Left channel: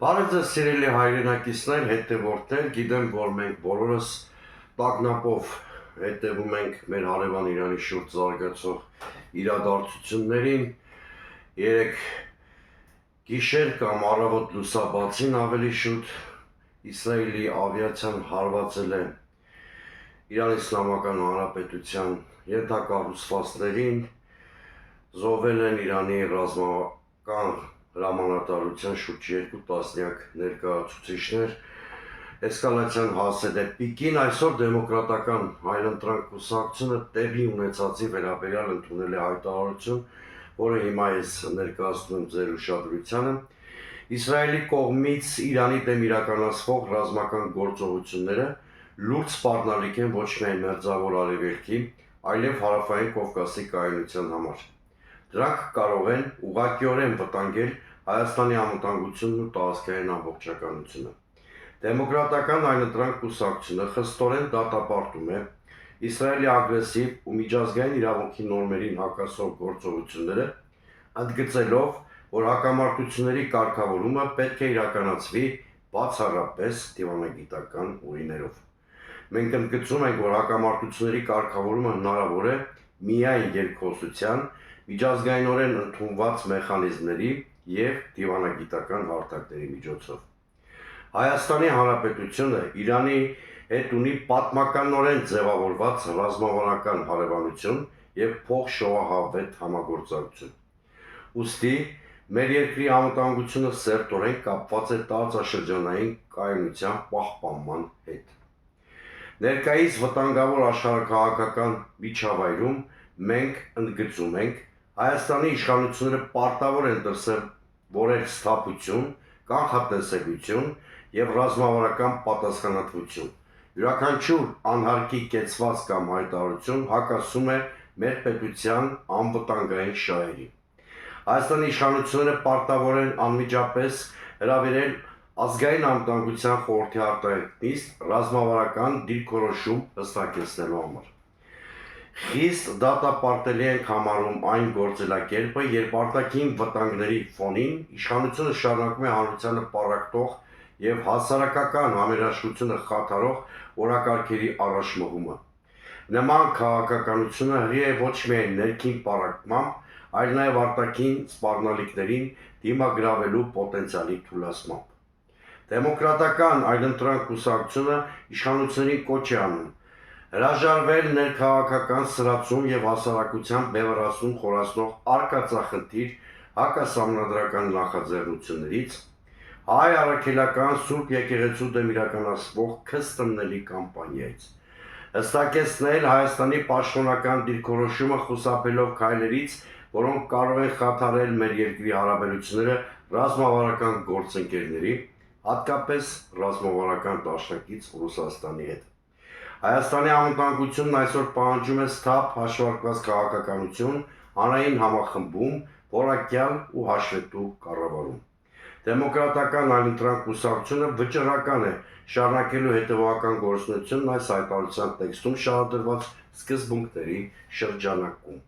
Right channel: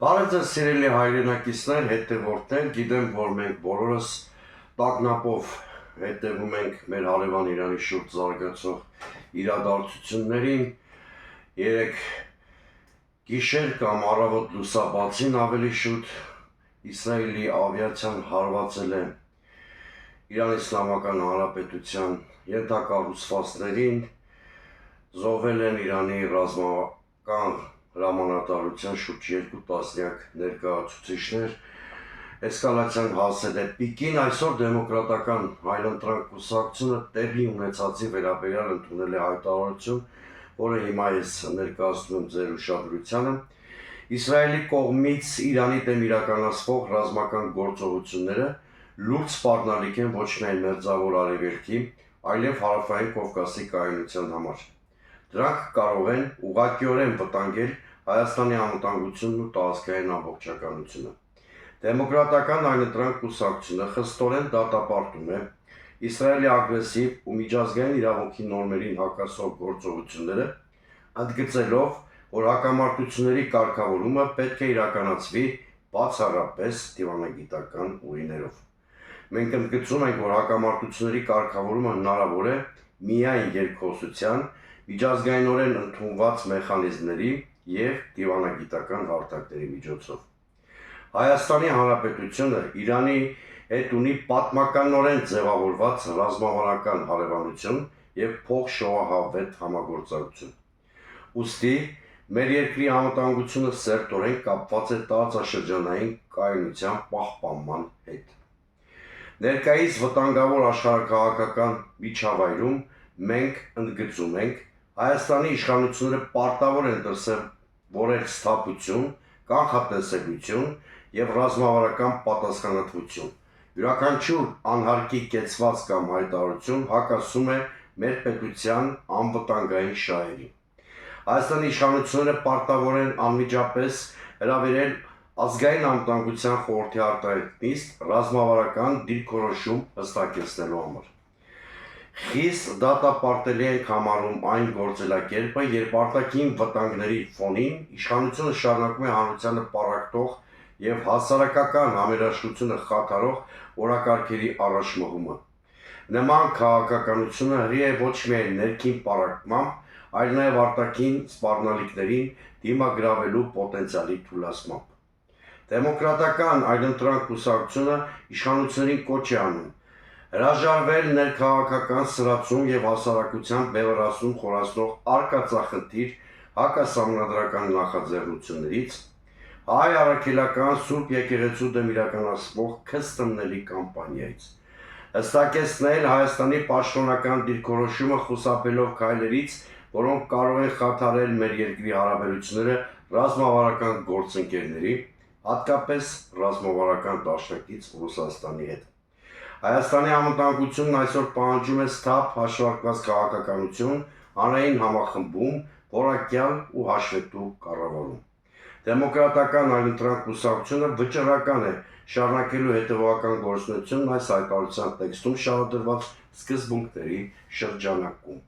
Բարև ձեզ սիրելի հայրենակիցներ, հետևորդներ, գիտեմ, որ մենք բոլորս տագնապով հետևում ենք մեր հարևան Իրանի շուրջ զարգացող իրադարձություններին։ Երեք գիշեր կամ առավոտ լուսաբացին ավելի շուտ Իսրայելի ավիացիան հարվածել է Իրանի Իսլամական Հանրապետության ենթակառուցվածքներին, զոհվել են Իրանի ռազմական հրամանատարության շուրջ 2 տասնյակ ներկայացուցիչներ, էսկալացիան հասել է պիկին։ Այսօր դեմոկրատական հայրընտրանք կուսակցությունը տեղի ունեցածի վերաբերյալ ընդունել է հայտարարություն, որը հիմա ես ներկայացնում եմ ձեր ուշադրությանը։ Իսրայելի կողմից Իրանի դեմ իրականացվող ռազմական գործողությունները լուրջ սպառնալիք են ոչ միայն Մերձավոր Արևելքի, այլև Հարավային Կովկասի կայունության համար։ Դրանք կարող են ուղղակիորեն վտանգել Հայաստանի անվտանգությունն ու տարածքային ամբողջականությունը։ Դեմոկրատական հայրենտրանք կուսակցությունը խստորեն դատապարտում է Իսրայելի ագրեսիվ ու միջազգային իրավունքի նորմերին հակասող գործողությունները, ընդգծելով, որ հակամարտությունների կարգավորումը պետք է իրականացվի բացառապես դիվանագիտական ուղիներով։ Մենք ընդգծում ենք, որ հակամարտությունների կարգավորումը հնարավոր է միայն երկխոսության, միջազգայինորեն ընդունված մեխանիզմների և դիվանագիտական հարթակների միջոցով։ Հայաստանի Հանրապետությունը Իրանի հետ ունի պատմականորեն ձևավորված ռազմավարական հարևանություն և փոխշոհահավետ համագործակցություն։ Ուստի մեր երկրի անվտանգությունը սերտորեն կապված է տարածաշրջանային կայունության պահպանման հետ։ Ներկայիս վտանգավոր աշխարհաքաղաքական միջավայրում մենք ընդգծում ենք Հայաստանի իշխանությունները պարտավոր են դրսևորել սթափություն, կանխատեսելիություն և ռազմավարական պատասխանատվություն։ Յուրաքանչյուր անհարկի կեցված կամ հայտարարություն հակասում է մեր պետության անվտանգային շահերին։ Հայաստանի իշխանությունները պարտավոր են անմիջապես հրավիրել Ազգային անվտանգության խորհրդի արտահայտիչն ռազմավարական դիրքորոշում հստակեցնելու համար։ Խիստ դատապարտելի ենք համարում այն գործելակերպը, երբ արտաքին վտանգների ֆոնին իշխանությունը շարունակում է հանրությանը պառակտող և հասարակական համերաշխությունը խաթարող օրակարգերի առաջ մղումը։ Նման քաղաքականությունը հրի է ոչ միայն ներքին պառակտմամբ, այլ նաև արտաքին սպառնալիքներին դիմագրավելու պոտենցիալի թուլացմամբ։ Դեմոկրատական այլընտրանք կուսակցությունը իշխանություններին կոչ է անում հրաժարվել ներքաղաքական սրացում և հասարակության բևեռացում խորացնող արկածախնդիր հակասահմանադրական նախաձեռնություններից, հայ առաքելական Սուրբ եկեղեցու դեմ իրականացվող քստմնելի կամպանիայից, հստակեցնել Հայաստանի պաշտոնական դիրքորոշումը խուսափելով քայլերից, որոնք կարող են խաթարել մեր երկրի հարաբերությունները ռազմավարական գործընկերների, հատկապես ռազմավարական դաշնակից Ռուսաստանի հետ։ Հայաստանի անվտանգությունն այսօր պահանջում է սթափ հաշվարկված քաղաքականություն, հանրային համախմբում, որակյալ ու հաշվետու կառավարում։ Դեմոկրատական այլընտրանք կուսակցությունը վճռական է շարունակելու հետևողական գործունեությունն այս հայտարարության տեքստում շարադրված սկզբունքների շրջանակում։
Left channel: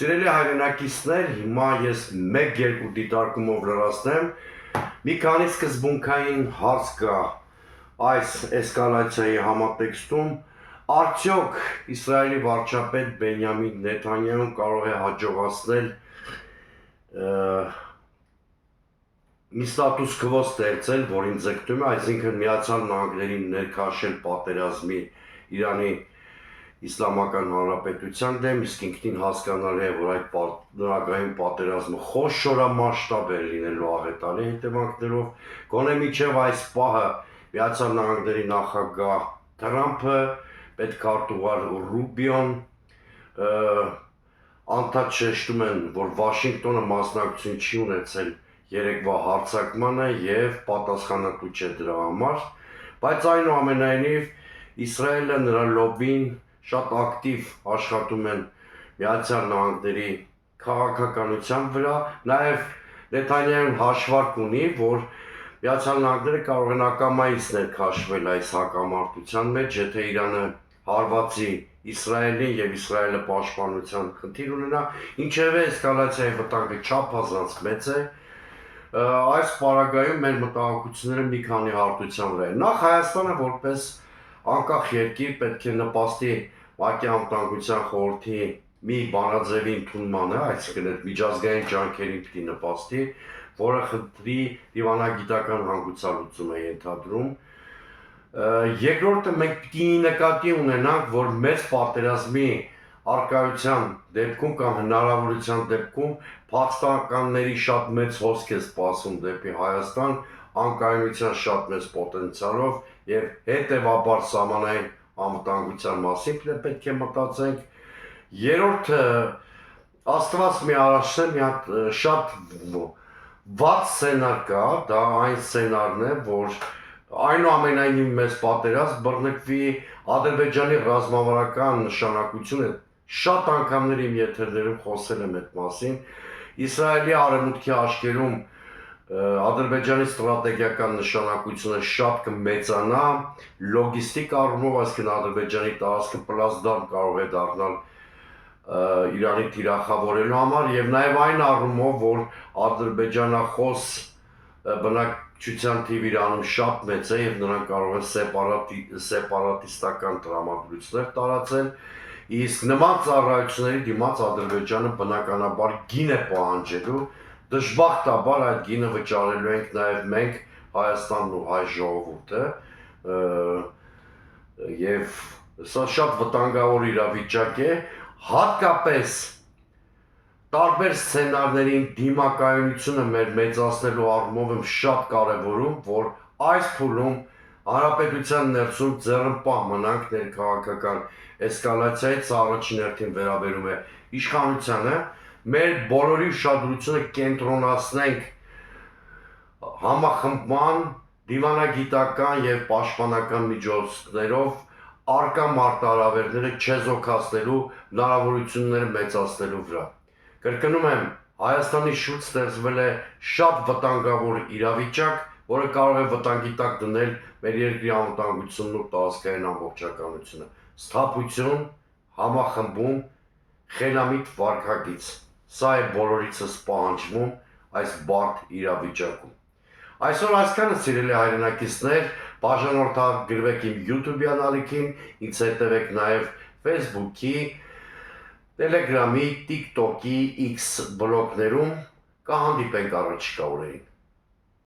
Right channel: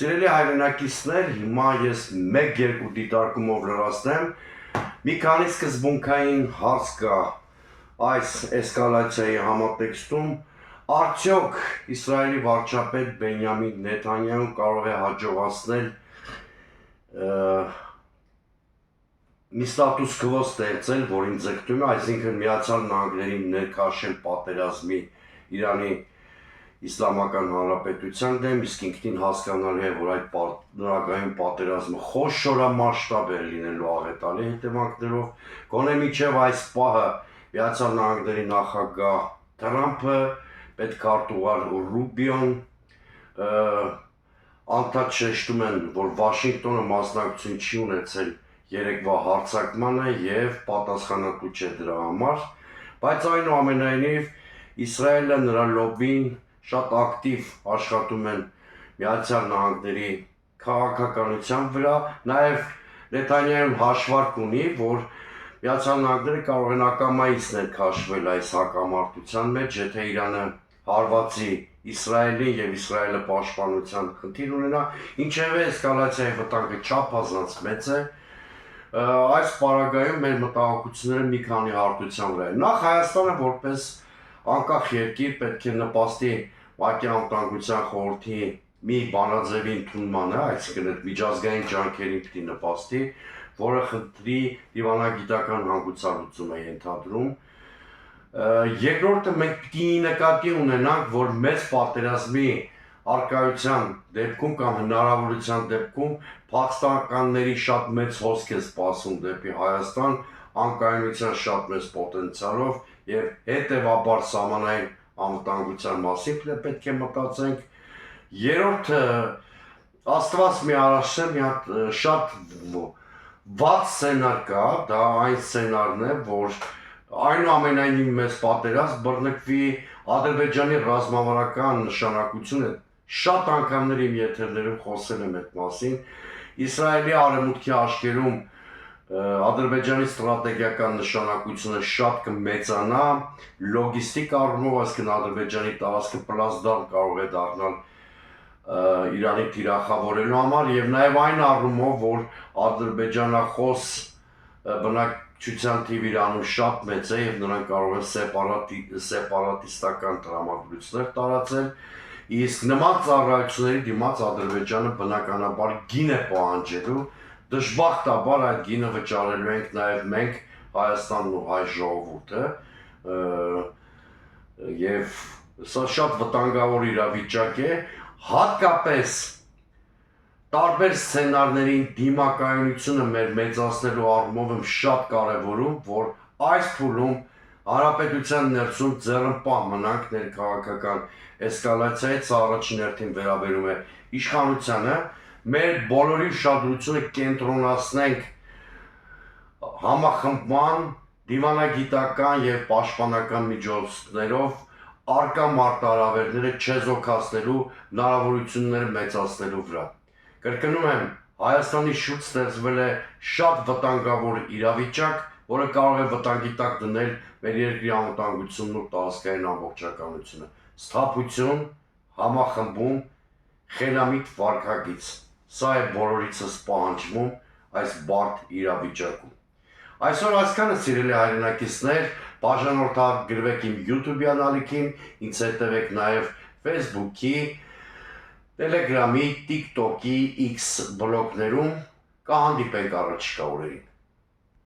Սիրելի հայրենակիցներ, հիմա ես 1-2 դիտարկումով լրացնեմ, մի քանի սկզբունքային հարց կա այս էսկալացիայի համատեքստում, արդյոք Իսրայելի վարչապետ Բենյամին Նեթանյահուն կարող է հաջողացնել մի ստատուս քվո ստեղծել, որին ձգտում է, այսինքն Միացյալ Նահանգներին ներքաշել պատերազմի Իրանի Իսլամական Հանրապետության դեմ, իսկ ինքնին հասկանալի է, որ այդ նորագույն պատերազմը խոշորամասշտաբ է լինելու աղետալի հետևանքներով, գոնե մինչև այս պահը Միացյալ Նահանգների նախագահ Թրամփը, պետքարտուղար Ռուբիոն անդադ շեշտում են, որ Վաշինգտոնը մասնակցություն չի ունեցել երեկվա հարձակմանը և պատասխանատու չէ դրա համար, բայց այնուամենայնիվ Իսրայելը, նրա լոբբին շատ ակտիվ աշխատում են Միացյալ Նահանգների քաղաքականության վրա, նաև Նեթանյահուն հաշվարկ ունի, որ Միացյալ Նահանգները կարող են ակամայից ներքաշվել այս հակամարտության մեջ, եթե Իրանը հարվածի Իսրայելին և Իսրայելը պաշտպանության խնդիր ունենա, ինչևէ էսկալացիայի վտանգը չափազանց մեծ է, այս պարագայում մեր մտահոգությունները մի քանի հարթության վրա են։ Նախ Հայաստանը որպես անկախ երկիր պետք է նպաստի ՄԱԿ-ի անվտանգության խորհրդի մի բանաձևի ընդունմանը, այսինքն այդ միջազգային ջանքերին պիտի նպաստի, որը խնդրի դիվանագիտական հանգուցալուծում է ենթադրում։ Երկրորդը մենք պիտի նկատի ունենանք, որ մեծ պատերազմի արկայության դեպքում կամ հնարավորության դեպքում փախստականների շատ մեծ հոսք է սպասում դեպի Հայաստան, անկայունության շատ մեծ պոտենցիալով եւ հետեւաբար սահմանային անվտանգության մասին պետք է մտածենք։ Երրորդը Աստված մի առաջել մի հատ շատ վատ սցենար կա, դա այն սցենարն է, որ այնուամենայնիվ մեծ պատերազմ բռնկվի Ադրբեջանի ռազմավարական նշանակությունը շատ անգամներ իմ եթերներում խոսել եմ այդ մասին։ Իսրայելի արևմուտքի աչքերում Ադրբեջանի ստրատեգիական նշանակությունը շատ կմեծանա, լոգիստիկ առումով, այսինքն Ադրբեջանի տարածքը պլազդարմ կարող է դառնալ Իրանի թիրախավորելու համար եւ նաեւ այն առումով, որ ադրբեջանախոս բնակչության թիվը Իրանում շատ մեծ է եւ նրանք կարող են սեպարատիստական տրամադրություններ տարածել, իսկ նման ծառայությունների դիմաց Ադրբեջանը բնականաբար գին է պահանջելու, դժբախտաբար այդ գինը վճարելու ենք նաեւ մենք Հայաստանն ու հայ ժողովուրդը եւ սա շատ վտանգավոր իրավիճակ է, հատկապես տարբեր սցենարներին դիմակայունությունը մեր մեծացնելու առումով եմ շատ կարևորում, որ այս փուլում հանրապետության ներսում ձեռնպահ մնանք ներքաղաքական էսկալացիայից, առաջին հերթին վերաբերում է իշխանությանը, մեր բոլորի ուշադրությունը կենտրոնացնենք համախմբման, դիվանագիտական եւ պաշտպանական միջոցներով արկա մարտահրավերները չեզոքացնելու հնարավորությունները մեծացնելու վրա։ Կրկնում եմ, Հայաստանի շուրջ ստեղծվել է շատ վտանգավոր իրավիճակ, որը կարող է վտանգի տակ դնել մեր երկրի անվտանգությունն ու տարածքային ամբողջականությունը։ Սթափություն, համախմբում, խելամիտ վարքագիծ։ Սա է բոլորիցս պահանջվում այս բարդ իրավիճակում։ Այսօր այսքանը սիրելի հայրենակիցներ, բաժանորդագրվեք իմ YouTube-յան ալիքին, ինձ հետևեք նաև Facebook-ի, Telegram-ի, TikTok-ի, X բլոգներում, կհանդիպենք առաջիկա օրերին։